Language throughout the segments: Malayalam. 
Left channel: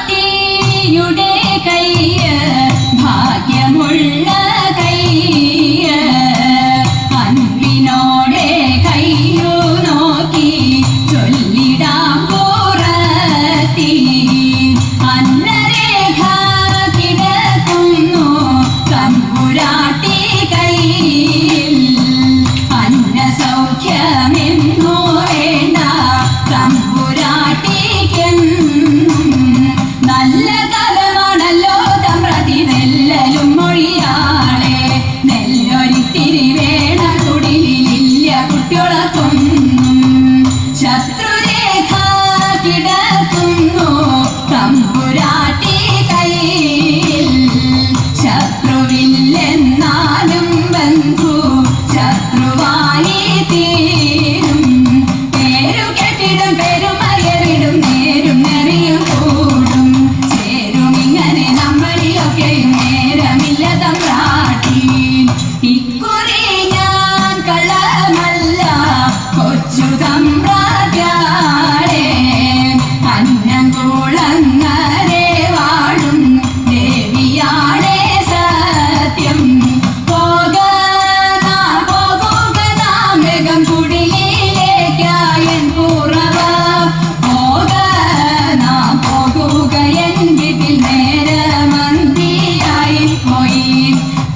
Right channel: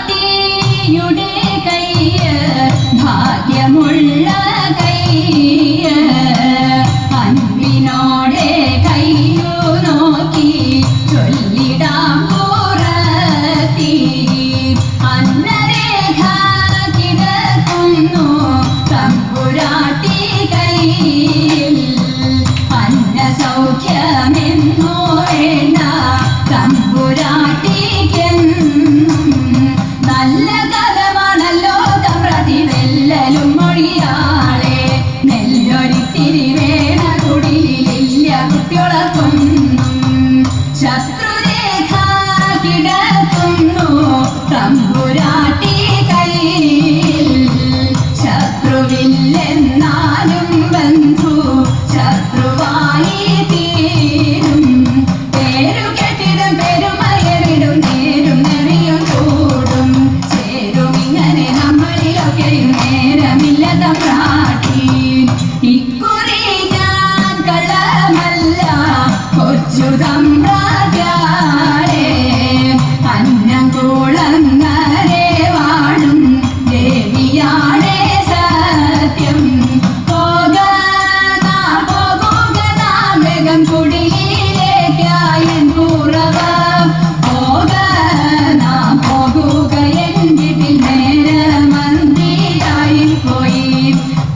തമ്പുരാട്ടിയുടെ കയ്യ് ഭാഗ്യമുള്ള കയ്യ് അൻപിനോടെ കയ്യു നോക്കി ചൊല്ലിടാം പുറത്തി അന്നരേഖ കിടക്കുന്നു തമ്പുരാട്ടി കയ്യിൽ അന്ന സൗഖ്യമെന്നു വേണ്ട തമ്പുരാട്ടിക്കെന്നും നല്ല കഥമാണല്ലോ തമ്പ്രതി നെല്ലലും മൊഴിയാളെ നെല്ലൊരിത്തിരി വേണ കുടിലില്ല കുട്ടികളൊക്കൊന്നും ശത്രുരേഖ കിടക്കുന്നു തമ്പുരാട്ടി കയ്യിൽ ശത്രുവില്ലെന്നാലും ബന്ധു ശത്രുവായി തീരും പേരു കെട്ടിടും പെരുമയവിടും നേരും നെറിയും കൂടും ചേരും ഇങ്ങനെ നമ്മളിലൊക്കെയും നേരമില്ല തമ്പ്രാട്ടി ഇക്കുറി ഞാൻ കള്ളമല്ല കൊച്ചു തമ്പ്രാട്ടിയാളെ അന്നം കുളങ്ങരെ വാഴും ദേവിയാളെ സത്യം പോകുക നാം വേഗം കുടിയിലേക്കായൻ പൂറവ പോകുക നാം പോകുക എൻ വീട്ടിൽ നേരമന്തിയായി പോയി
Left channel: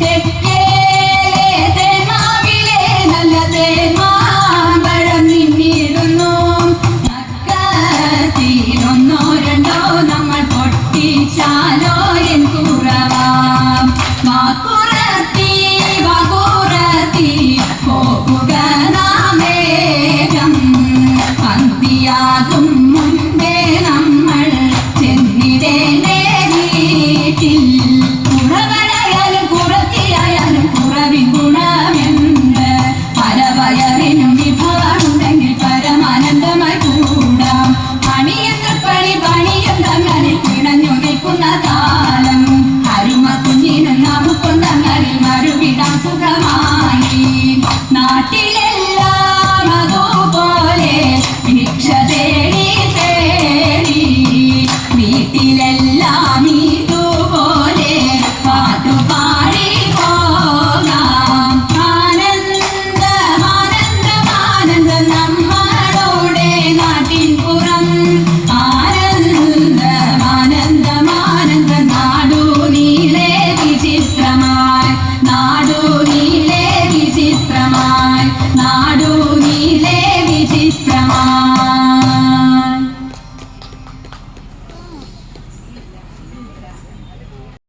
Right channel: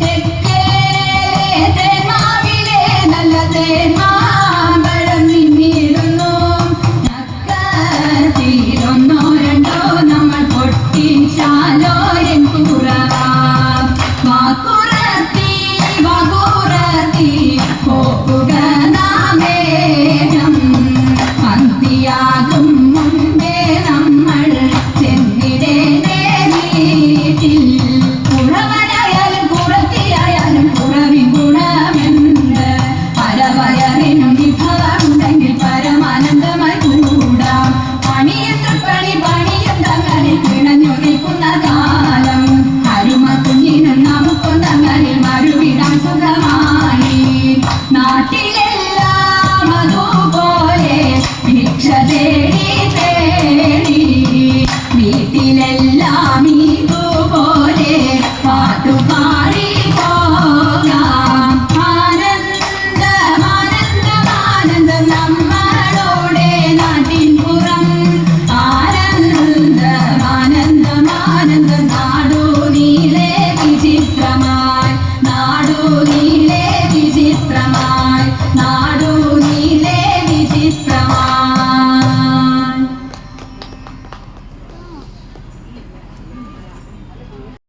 തെക്കേലെ തേനാവിലെ നല്ല തേന്മാമ്പഴം നിന്നിടുന്നു നക്കത്തിലൊന്നോ രണ്ടോ നമ്മൾ പൊട്ടിച്ചാലോ എൻ കുറവ വാക്കുറത്തി പോകുക നാം വേഗം അന്തിയാകും മുൻപേ നമ്മൾ ചെന്നിടേണ്ടേ വീട്ടിൽ കുറവനായാലും കുറത്തിയായാലും കുറവിൻ ഗുണമെന്ത് പരവയറിനും വിഭവമുണ്ടെങ്കിൽ പരമാനന്ദമായി കൂടാം പണിയന്ത്രപ്പണി പണിയും തങ്ങളിൽ പിണഞ്ഞു നിൽക്കുന്ന കാലം അരുമ കുഞ്ഞിനും നമുക്കും തങ്ങളിൽ മറുവിടാൻ സുഖമായി നാട്ടിലെല്ലാം അതുപോലെ ഭിക്ഷ